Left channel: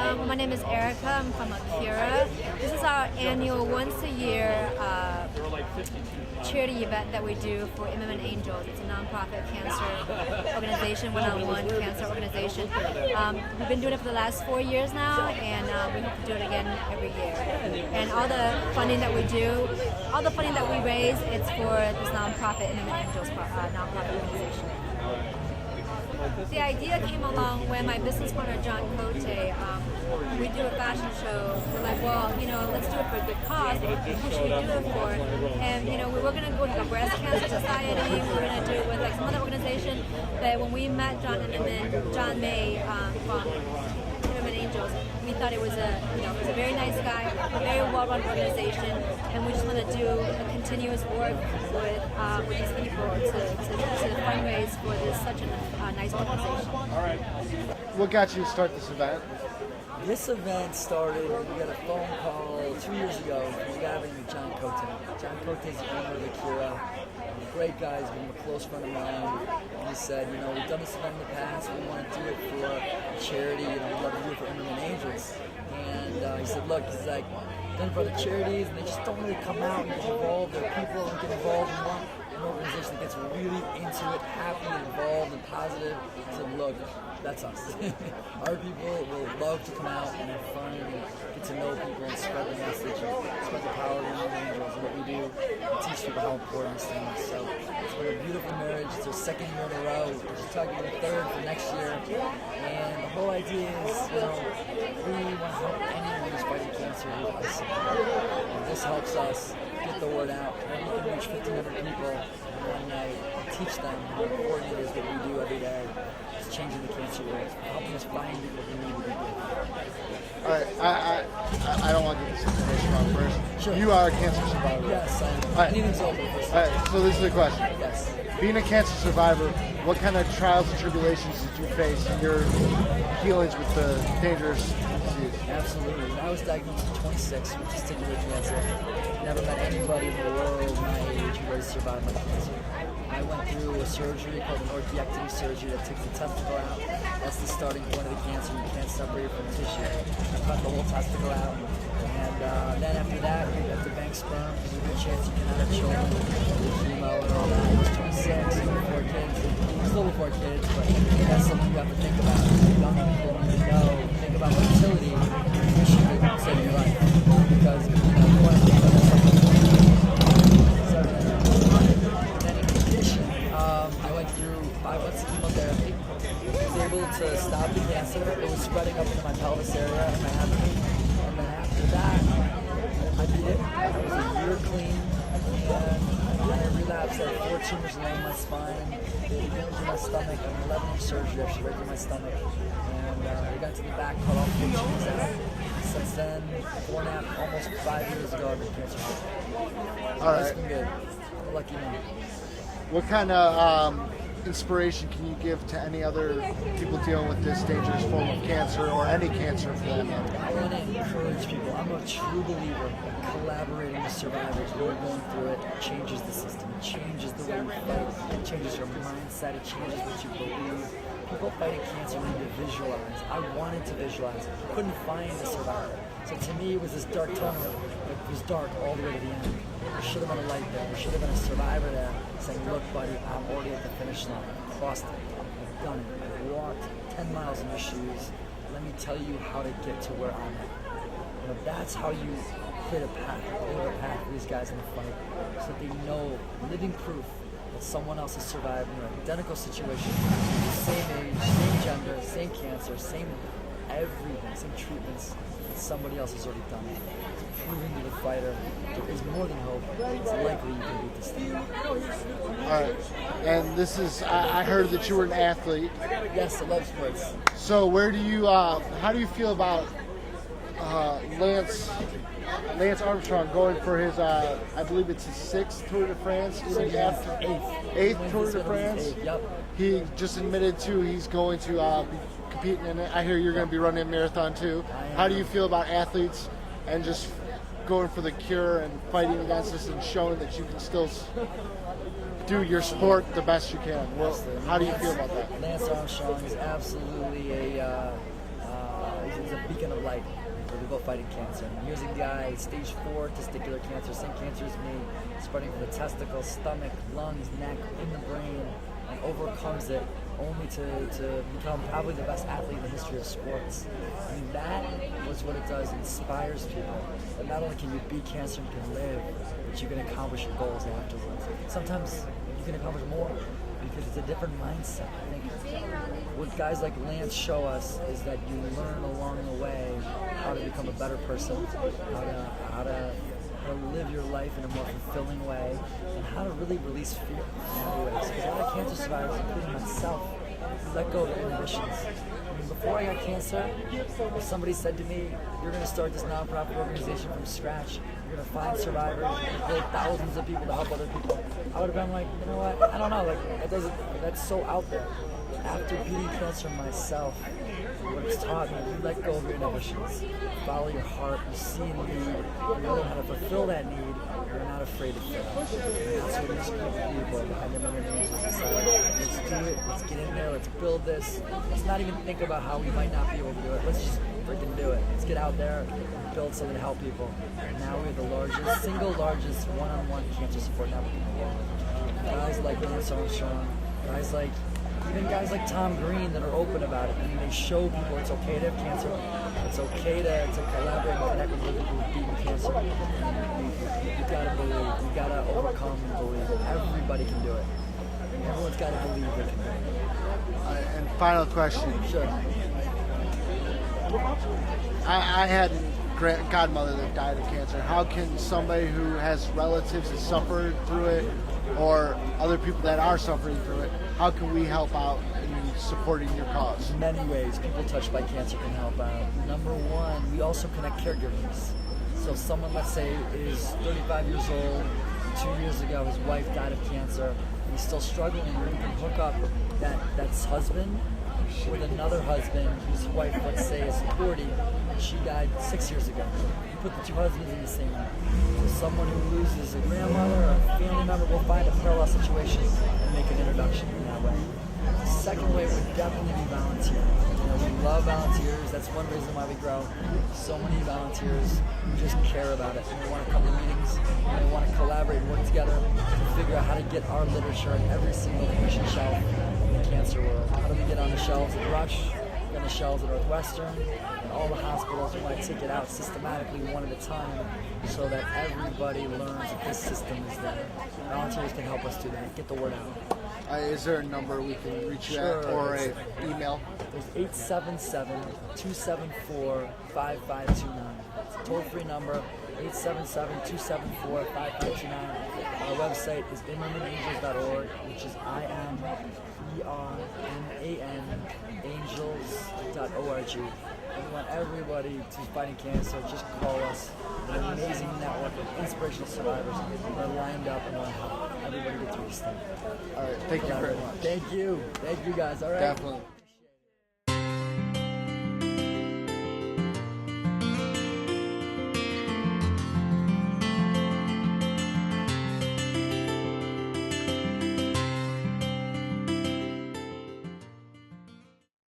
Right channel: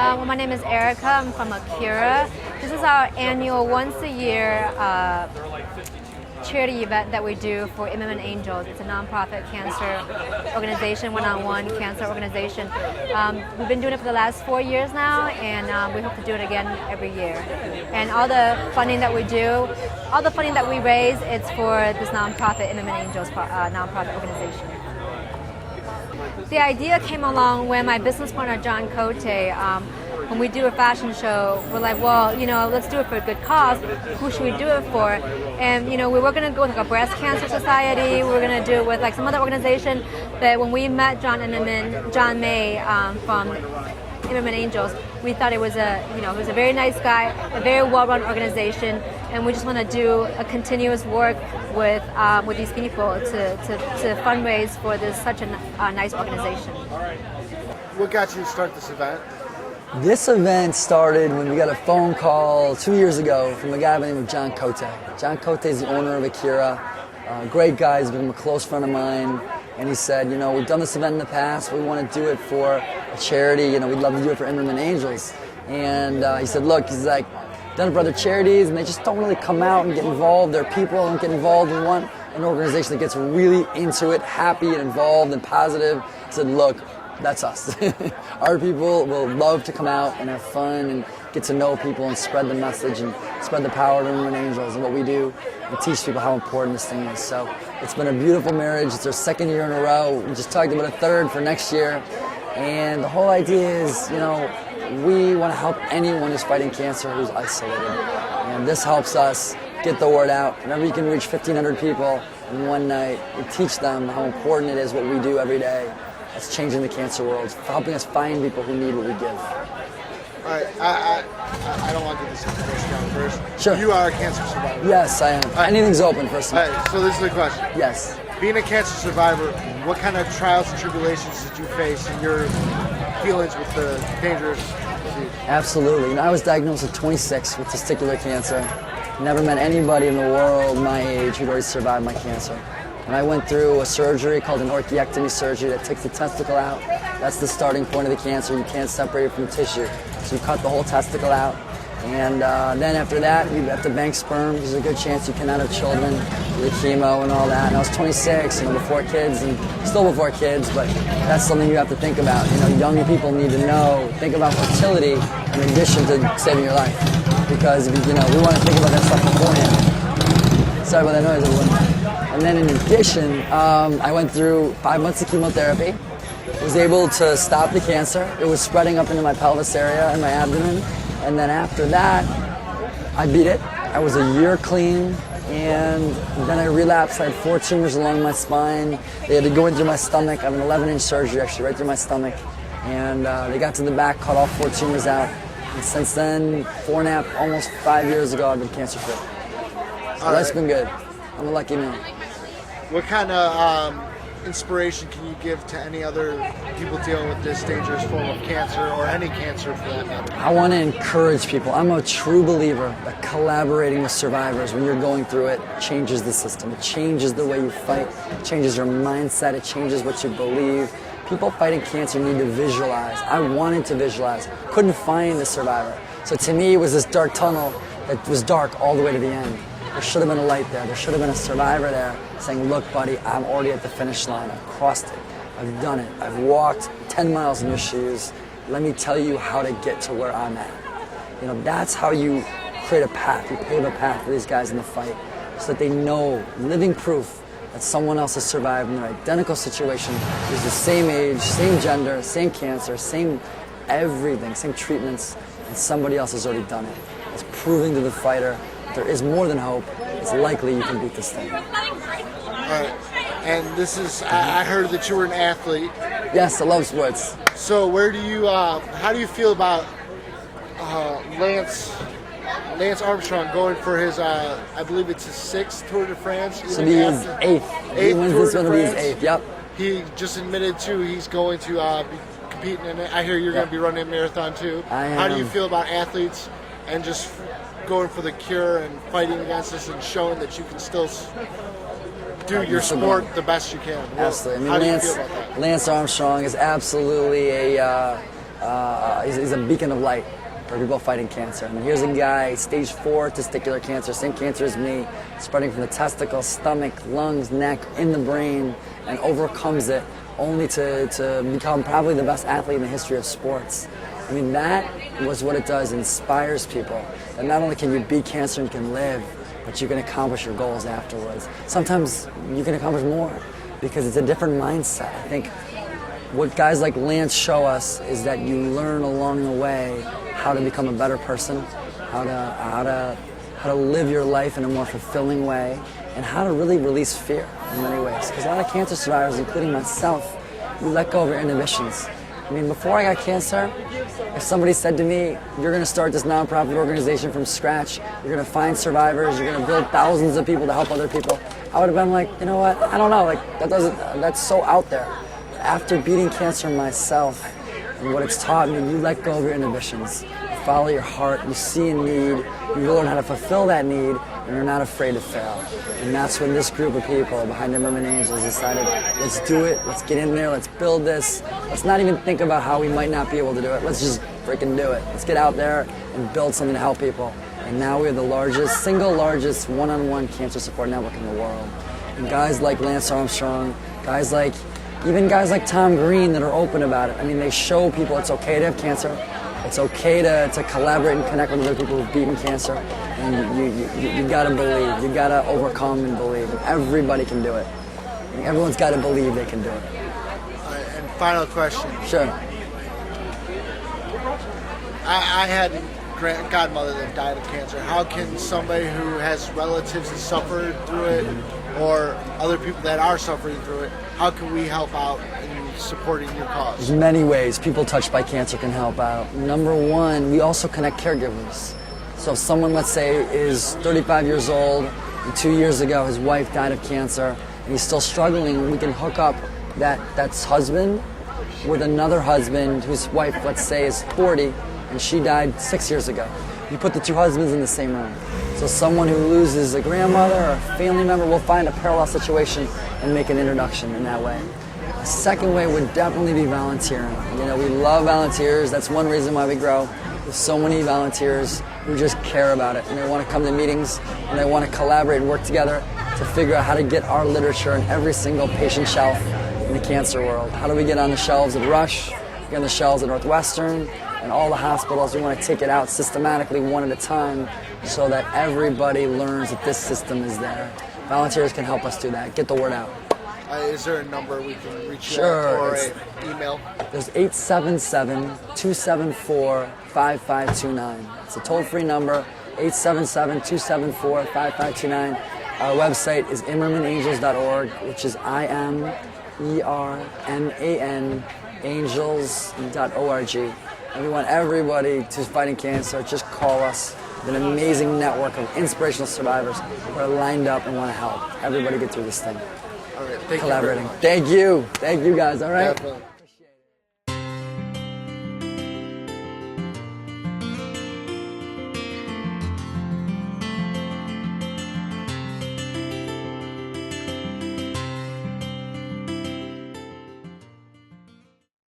My name is Erica. I'm from Akira. This is our annual once-a-year charity event that we do for MMN Angels. It's a nonprofit cancer organization, one-on-one cancer organization. We've been doing it for the last 4 years now, and we hope to do it again every year. And all the funding that we do, all the funding that we raise, it's for this nonprofit MMN Angels nonprofit organization. The idea came along when my business partner, John Cote, when we do a fashion show, we're like, well, let's do it for a good cause. Who should we do it for? And, we were going to go with a breast cancer society. We were going to do it with some other organization. But when we met John May from MMN Angels, we thought it was a very nice guy, a very well-run organization, and we just want to do a continuous work with these people to fundraise for such a nice organization. What got you to start this event? This event started when we got a phone call 2 years ago from a guy by the name of John Cote. John Cote is the owner of Akira. Great guy, he's become a close friend of mine. And he said, we've done this event in the past. We want to do it for a charity. We'd love to do it for MMN Angels. And he said, look, he's like, done it for other charities, and they just don't really come out and get involved. Their people don't get involved. We want an organization that gets really into it, happy and involved and positive. He said, look, that's us. Our people will love to come out and have fun and get to know people and spread the message and spread the power of MMN Angels and what we do and teach people how important this thing is. So it's been a beautiful marriage. It's our second year in a row. We just talked about a third for next year. And the whole idea is, we want to help anyone who's fighting cancer who's isolated. And this helps us get the word out. Whenever you can reach 1,500 people in one night and teach them how important it is what we do every day. It's changing the cancer world. It's helping us find people who need what we give. All right, I don't want to get this information out first. Sure. You are a cancer survivor. Yes, I am. Anything's open, first of all. All right, so this is the question. Yes. Being a cancer survivor, what kind of trials and tribulations did you face in your dealings with the dangerous disease? Absolutely. I was diagnosed at 26 with testicular cancer. Never met anybody in the world my age who'd already survived my cancer. And I went through a surgery called an orchiectomy surgery that takes the testicle out. That's the starting point of the cancer. You can't separate it from tissue. So you cut the whole testicle out. And then after that, you have to bank sperm. There's a good chance you cannot have children with the chemo and all that. And I was 26, before kids, and still before kids, but that's something you have to think about. Young people need to know, think about fertility in addition to saving your life. Because, we want to think about that stuff beforehand. Sorry about that noise, everyone. And then in addition, I went through 5 months of chemotherapy, was able to stop the cancer. It was spreading up into my pelvis area and my abdomen. And then after that, I beat it. I was a year clean, and then I relapsed. I had 4 tumors along my spine. They had to go in through my stomach. I have an 11-inch surgery, actually, right through my stomach. And they got to the back, cut all 4 tumors out. And since then, 4.5, almost 5 years ago, I've been cancer-free. So that's been good. I'm a lucky man. What kind of inspiration can you give to any other people dealing with this dangerous form of cancer, or any cancer for that matter? I want to encourage people. I'm a true believer that collaborating with survivors when you're going through it changes the system. It changes the way you fight. It changes your mindset. It changes what you believe. People fighting cancer need to visualize. I wanted to visualize. Couldn't find the survivor. So to me, it was this dark tunnel that was dark all the way to the end. There should have been a light there. There should have been a survivor there saying, look, buddy, I'm already at the finish line. I've crossed it. I've done it. I've walked 10 miles in your shoes. Let me tell you how to get to where I'm at. That's how you create a path. You pave a path for these guys in the fight so that they know, living proof, that someone else has survived in their identical situation, who's the same age, same gender, same cancer, same everything, same treatments, and somebody else has already done it. It's proving to the fighter there is more than hope. It's likely you can beat this thing. All right. And this is, I heard that you were an athlete. Yes, I love sports. So how do you feel about Lance Armstrong going for his, I believe it's his 6th Tour de France? So he's 8th. 8th Tour de France? He's 8th, yep. He just admitted he's going to be competing in it. I hear you're going to be running a marathon too. I am. How do you feel about athletes and just going for the cure and fighting against this and showing that you can still do your sport the best you can? Absolutely. How do you feel about that? Lance Armstrong is absolutely a is a beacon of light for people fighting cancer. And here's a guy, stage 4 testicular cancer, same cancer as me, spreading from the testicles, stomach, lungs, neck, in the brain, and overcomes it only to become probably the best athlete in the history of sports. I mean, that was what it does. It inspires people. And not only can you beat cancer and you can live, but you can accomplish your goals afterwards. Sometimes you can accomplish more because it's a different mindset. I think what guys like Lance show us is that you learn along the way how to become a better person, how to live your life in a more fulfilling way, and how to really release fear in many ways. Because a lot of cancer survivors, including myself, we let go of our inhibitions. I mean, before I got cancer, if somebody said to me, you're going to start this nonprofit organization from scratch, you're going to find survivors, you're going to build thousands of people to help other people, I would have been like, you know what, I don't know, like that's so out there. After beating cancer myself, and what it's taught me, you let go of your inhibitions. You follow your heart, you see a need, you learn how to fulfill that need, and you're not afraid to fail. And that's when this group of people behind MBM Angels decided, let's do it, let's get in there, let's build this. Let's not even think about how we might not be able to do it. Let's just freaking do it. Let's get out there and build something to help people. And now we're the single largest one-on-one cancer support network in the world. And guys like Lance Armstrong, even guys like Tom Green that are open about it. I mean, they show people it's okay to have cancer. It's okay to collaborate and connect with other people who've beaten cancer. And you gotta believe. You gotta overcome and believe. And everybody can do it. And everyone's gotta believe they can do it. And final question. Sure. I had a godmother that died of cancer. How can somebody who has relatives that suffered through it, or other people that are suffering through it, how can we help out in supporting your cause? There's many ways people touched by cancer can help out. Number one, we also connect caregivers. So if someone, let's say, is 35 years old, and 2 years ago his wife died of cancer, and he's still struggling, we can hook up that's husband with another husband whose wife, let's say, is 40, and she died 6 years ago. You put the two husbands in the same room. So someone who loses a grandmother or a family member will find a parallel situation and make an introduction in that way. The second way would definitely be volunteering. You know, we love volunteers. That's one reason why we grow. There's so many volunteers who just care about it, and they want to come to meetings, and they want to collaborate and work together to figure out how to get our literature on every single patient shelf in the cancer world. How do we get on the shelves at Rush, get on the shelves at Northwestern, and all the hospitals? We want to take it out systematically one at a time so that everybody learns that this system is there. Volunteers can help us do that, get the word out. Is there a number we can reach Sure. at, or an email? There's 877-274-5529. It's a toll-free number, 877-274-5529. Our website is immermanangels.org, which is IMERMAN angels.org. And we want everybody who's fighting cancer, just call us. An amazing network of inspirational survivors who are lined up and want to help everybody get through this thing. All right, thank Collaborating. you very much. Thank you. Thank you guys, all right? Definitely.